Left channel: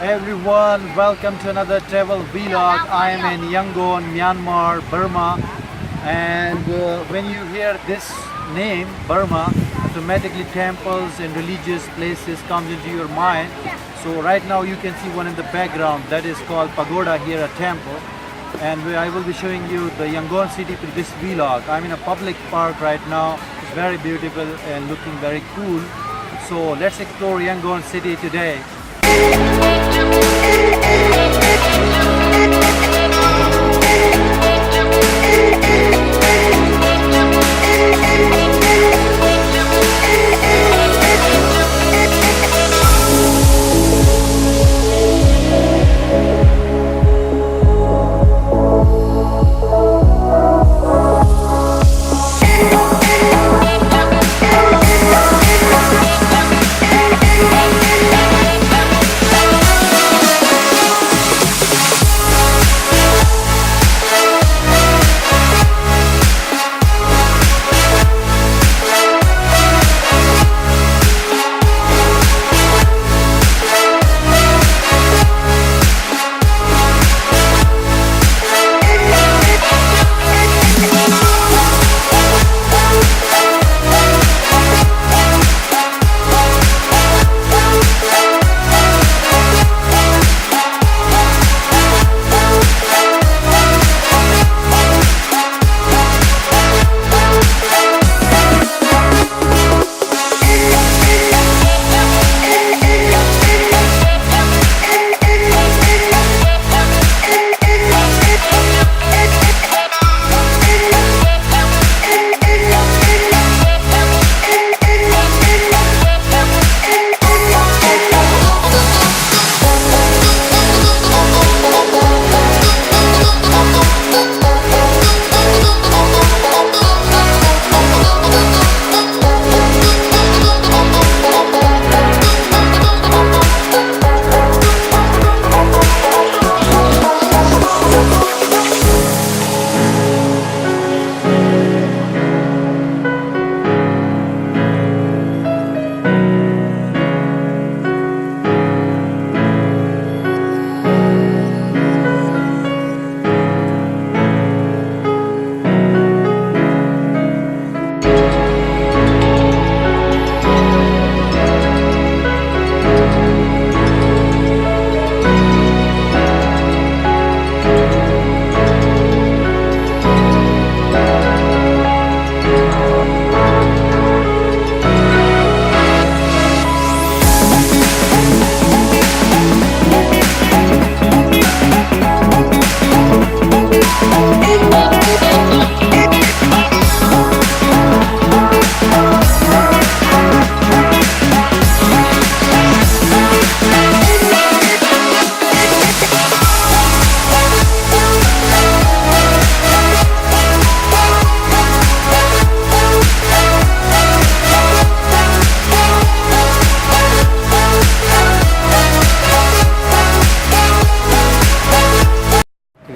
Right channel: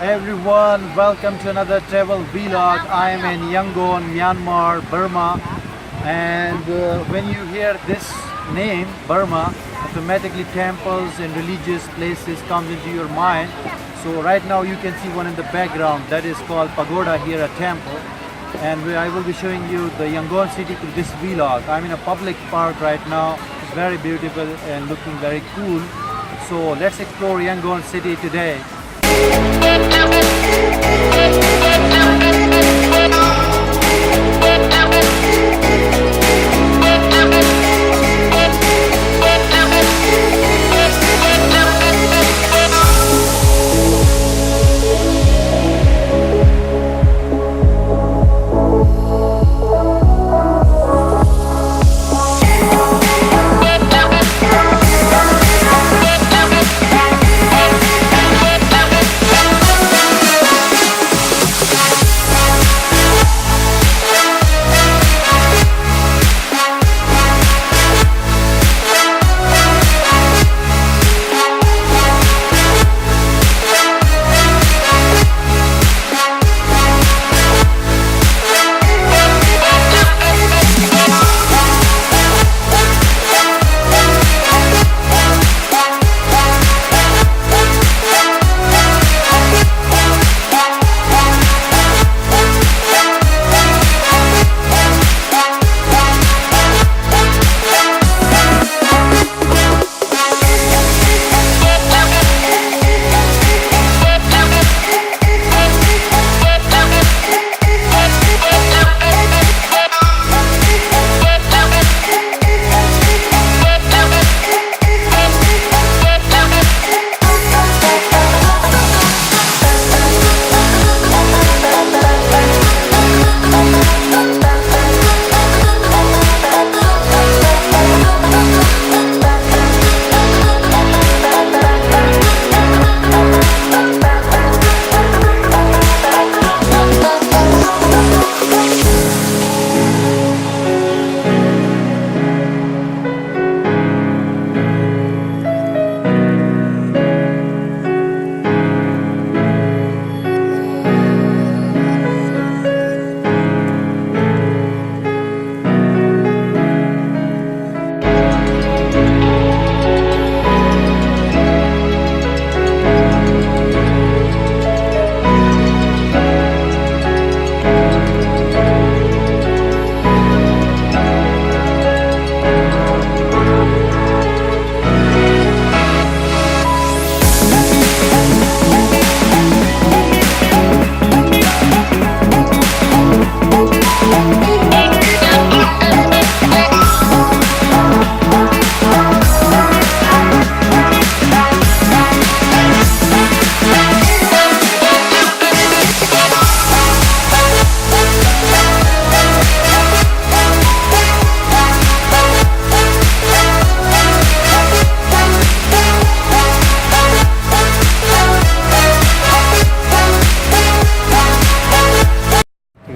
Everyone, welcome to another travel vlog. I am in Yangon, Myanmar, Burma, and when you hear this name, Burma, automatically temples and religious places comes into your mind. So right now you can see one in the background that is called pagoda here, a temple, and I will be showing you the Yangon city through this vlog. I'm in a public park right now. It's very beautiful and looking very cool. So let's explore Yangon city today.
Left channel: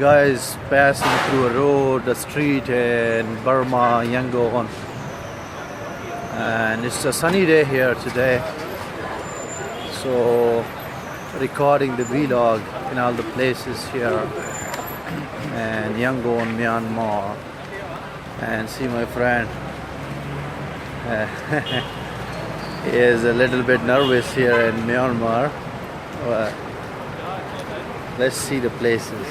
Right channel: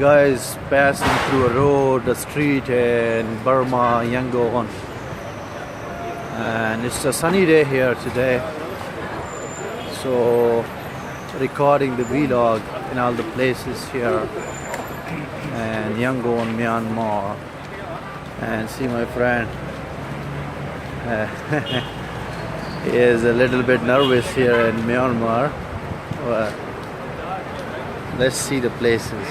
Guys, passing through a road, a street in Burma, Yangon, and it's a sunny day here today, so recording the vlog in all the places here and Yangon, Myanmar. And see my friend, he is a little bit nervous here in Myanmar. Well, let's see the places.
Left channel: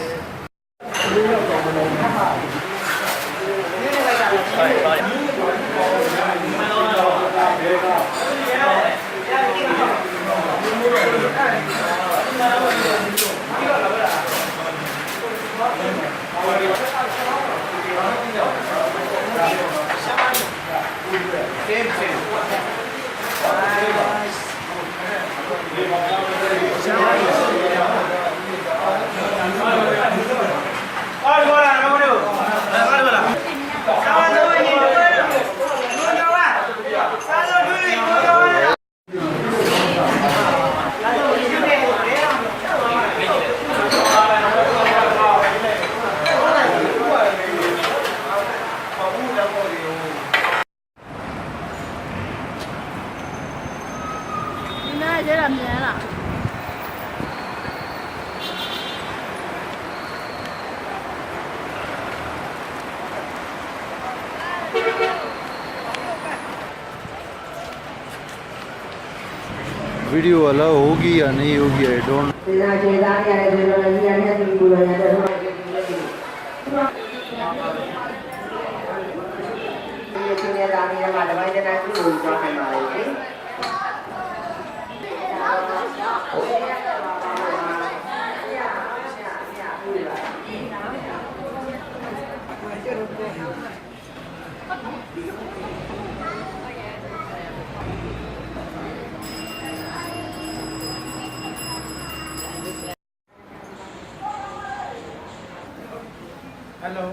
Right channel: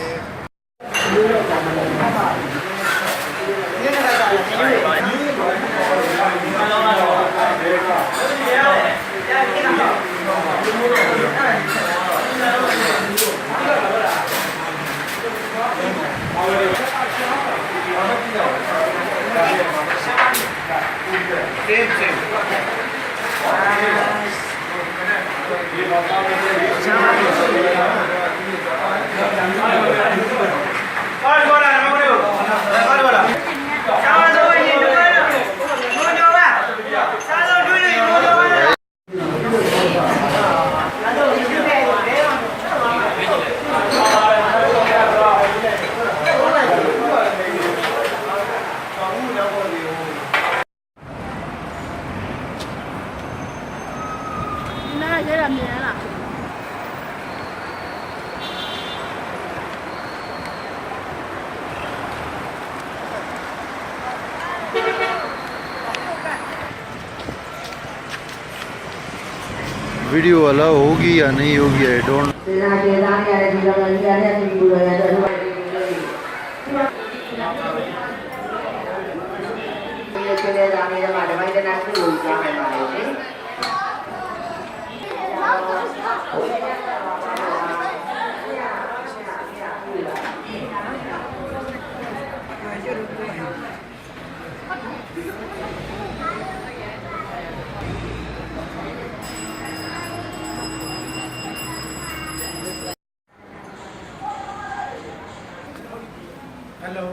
Video allow होगी या नहीं होगी, I don't. Hello.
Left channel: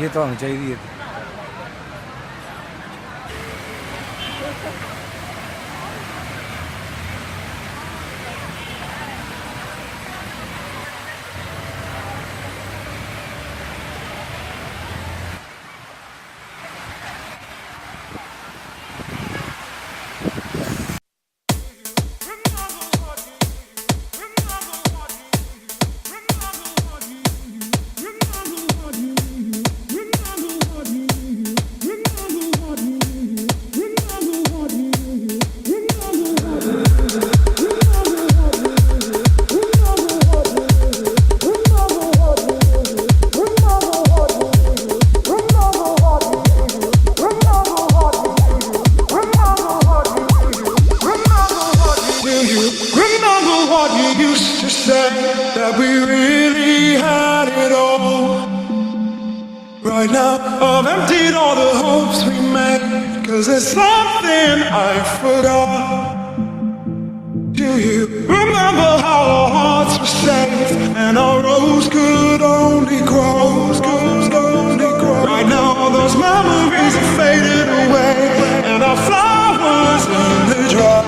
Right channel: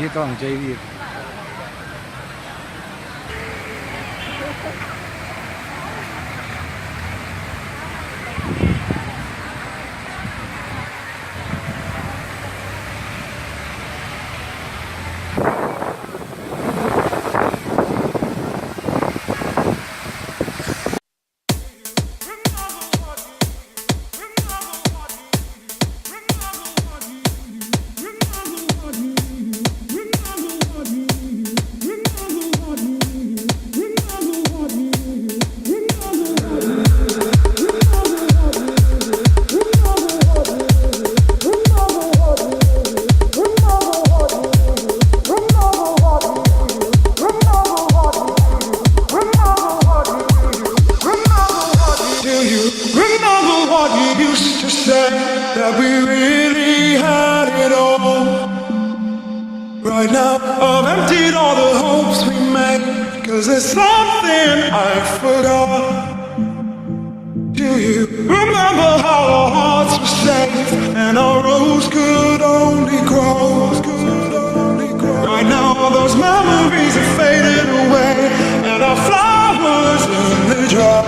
ये तो होनी चाहिए। That we really had it all. Right now I've emptied all the hopes we made, 'cause there's something I forgot. Do you remember how our hearts were safe and our rose could only grow? Right now those memories have faded away and our flowers only dry.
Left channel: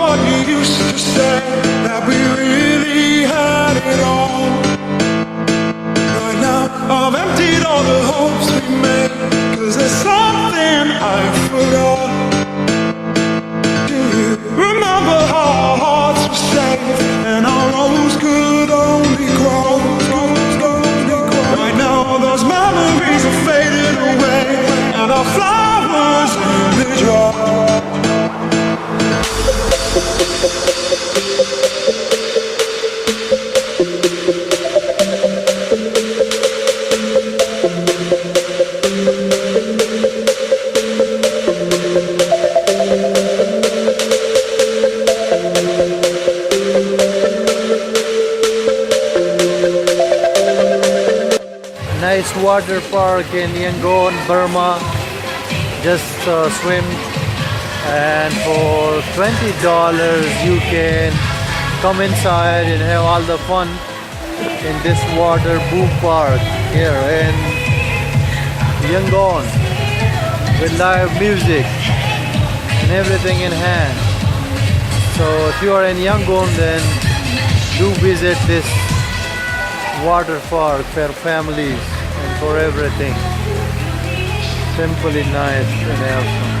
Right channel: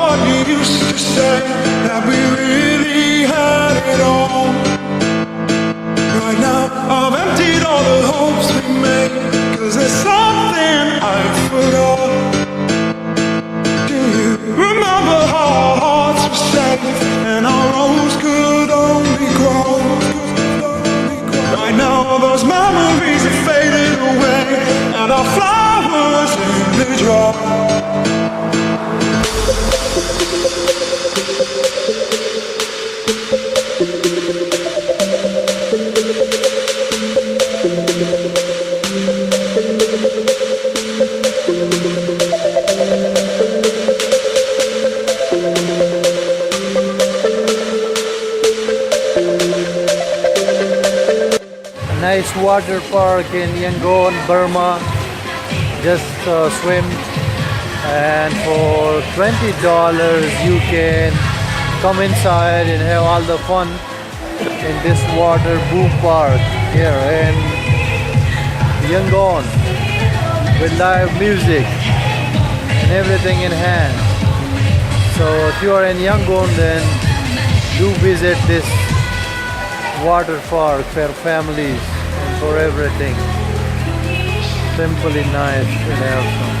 What you used to say, that we really had it all. Right now I've emptied all the hopes we made, 'cause there's something I forgot. Do you remember how our hearts were safe and our rose could only grow? Right now those memories are faded away, and our flowers they drop. Nice water park in Yangon, Burma. Just swim, and for $20 you can come inside and have all the fun in this water boom park here in Yangon with live music and everything in hand. So if you are in Yangon, then do visit this water park for families and for everything. Simply nice and awesome.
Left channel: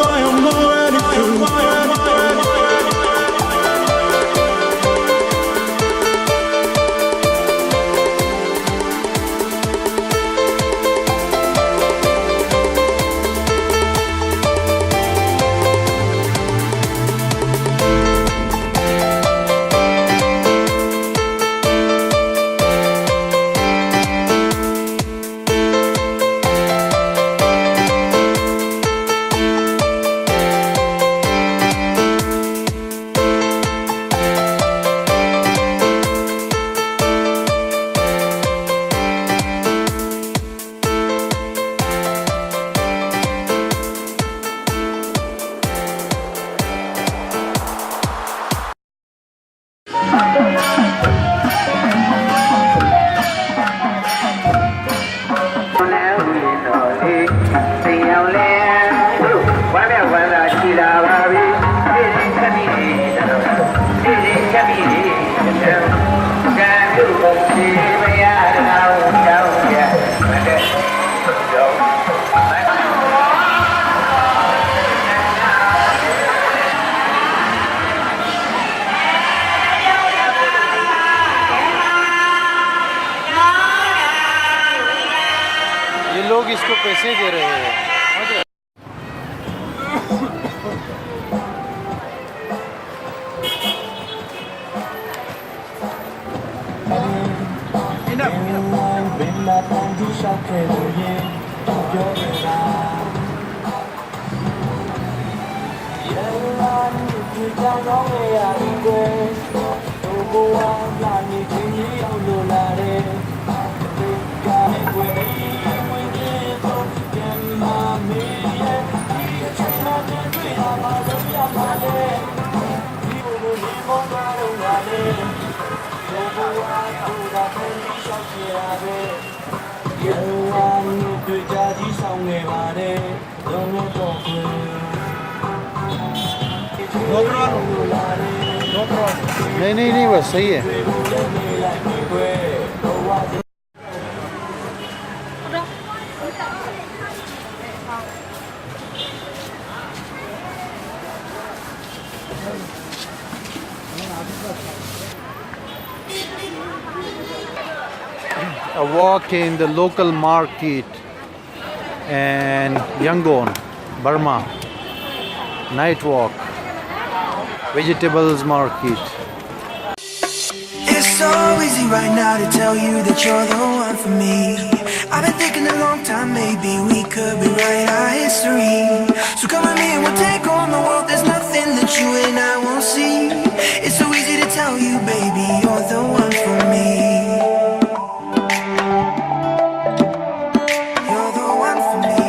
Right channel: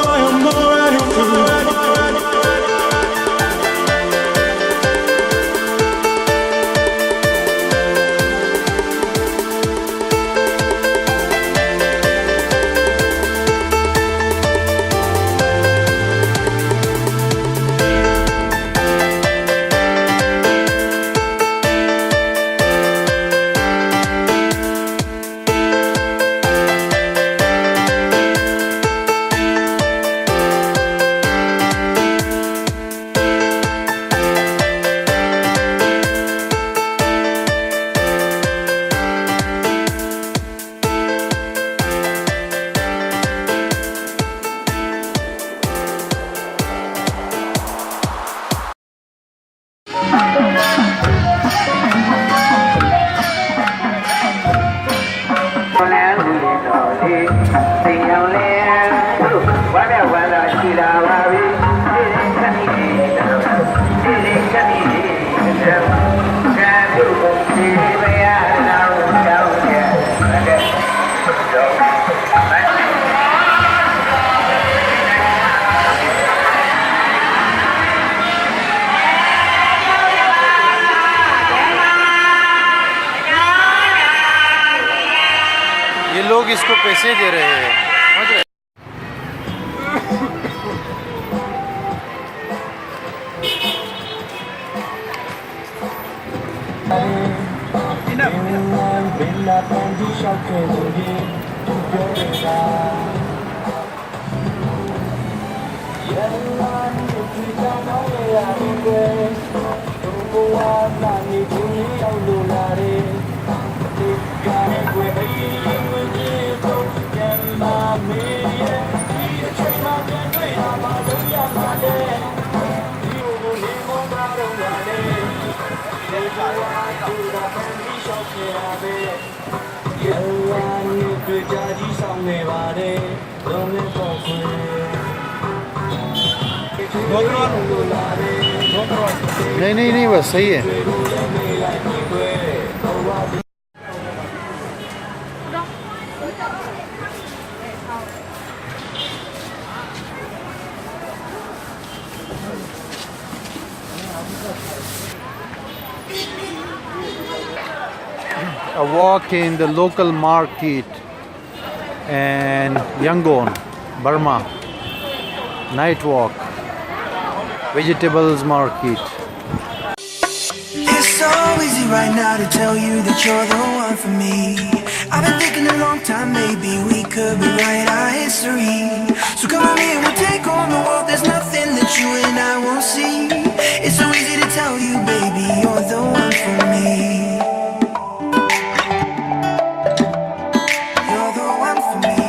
I am already through. ये लोग इसको पैसे दे रहे हैं, समझ रहे? नहीं नहीं नहीं, बस सही है. A walk in the local market in Yangon, Burma. Night walk, vegetables market. It's so easy right now to tell you that you're the one for me. I've been thinking a long time, maybe we could rewrite our history. So come with me and we'll take on the world. There's nothing that you and I won't see. It's so easy to tell you, baby, you're the one for me. You're the one for me.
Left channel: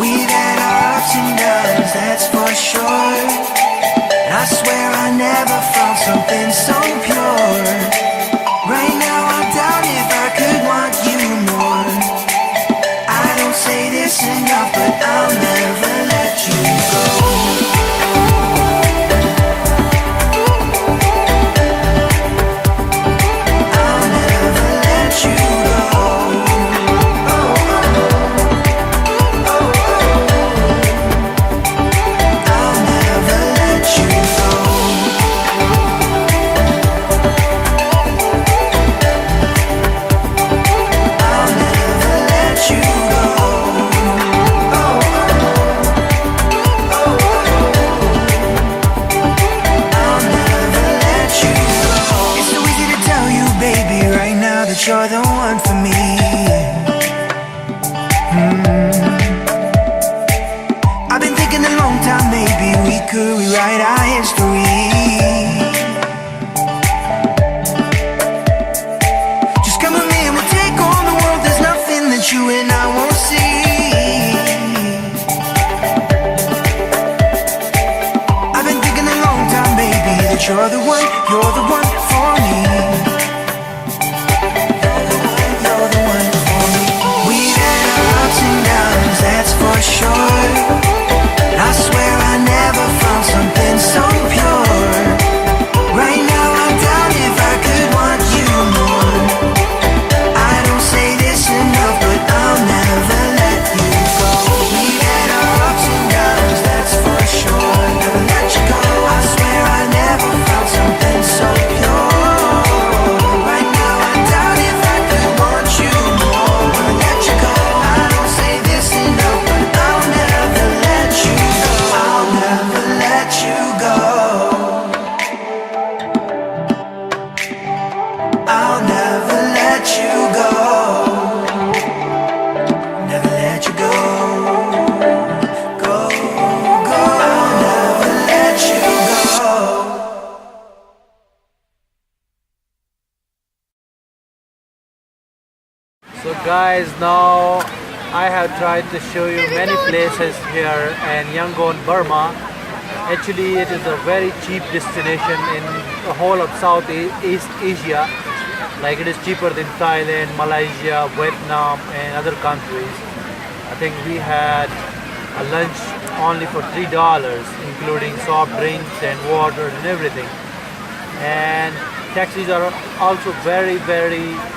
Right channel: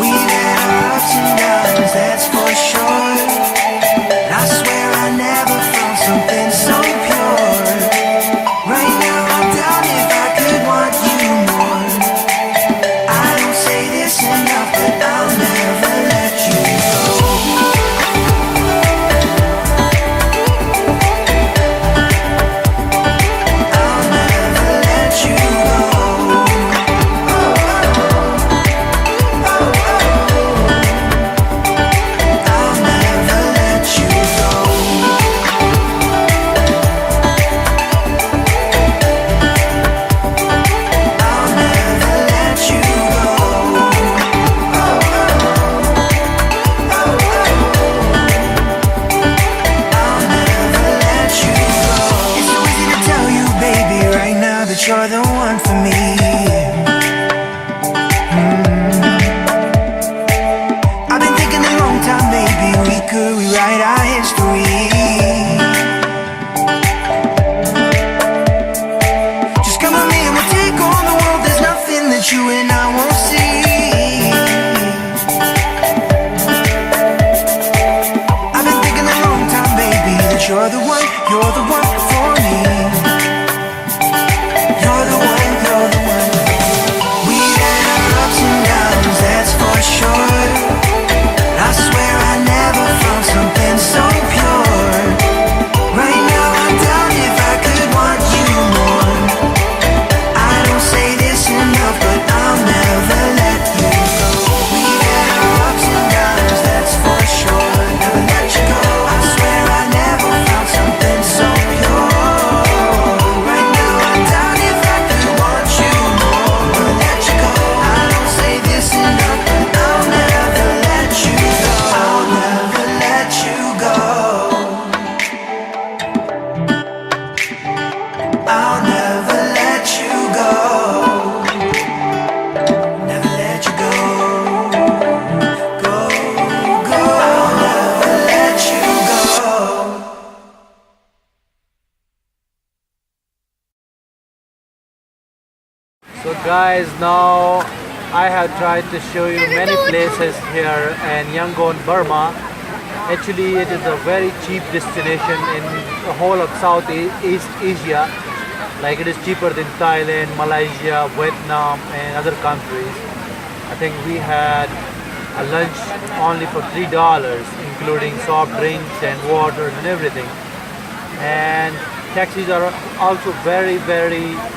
We've had our ups and downs, that's for sure. And I swear I never found something so pure. Right now I doubt if I could want you more. I don't say this enough, but I'll never let you go. maybe we could rewrite our history. Just come with me and we'll take on the world. There's nothing that you and I won't see. I've been thinking a long time, baby, that you're the one for me. You're the one for me. We've had our ups and downs, that's for sure. But I swear I never found something so pure. Right now I doubt if I could want you more. I don't say this enough, but I'll never let you go. We've had our ups and downs, that's for sure. Never let you go. I swear I never found something so pure. Right now I doubt if I could want you more. Never let you go. I don't say this enough, but I'll never let you go. I'll never let you go. I'll never let you go. Never let you go. Go, go. I'll never let you go. So guys, now I have tried to show you many places here in Yangon, Burma. Actually, it is a very cheap destination in the whole of Southeast Asia. Like it is cheaper than Thailand, Malaysia, Vietnam and other countries. I think we had a lunch only for $3, including soft drinks and water and everything. And taxis are also very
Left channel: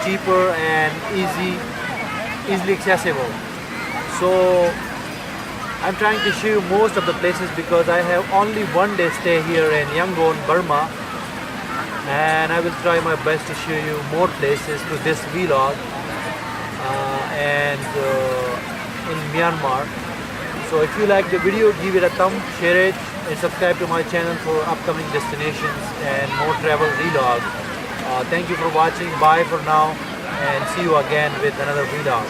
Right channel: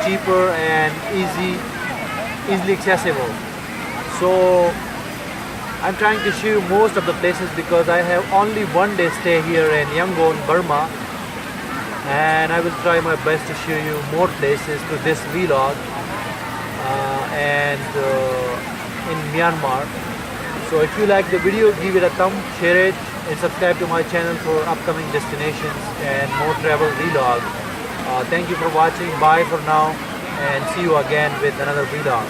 cheaper and easily accessible. So I'm trying to show you most of the places because I have only one day stay here in Yangon, Burma, and I will try my best to show you more places to this vlog and in Myanmar. So if you like the video, give it a thumb, share it and subscribe to my channel for upcoming destinations and more travel vlog. Thank you for watching. Bye for now and see you again with another vlog.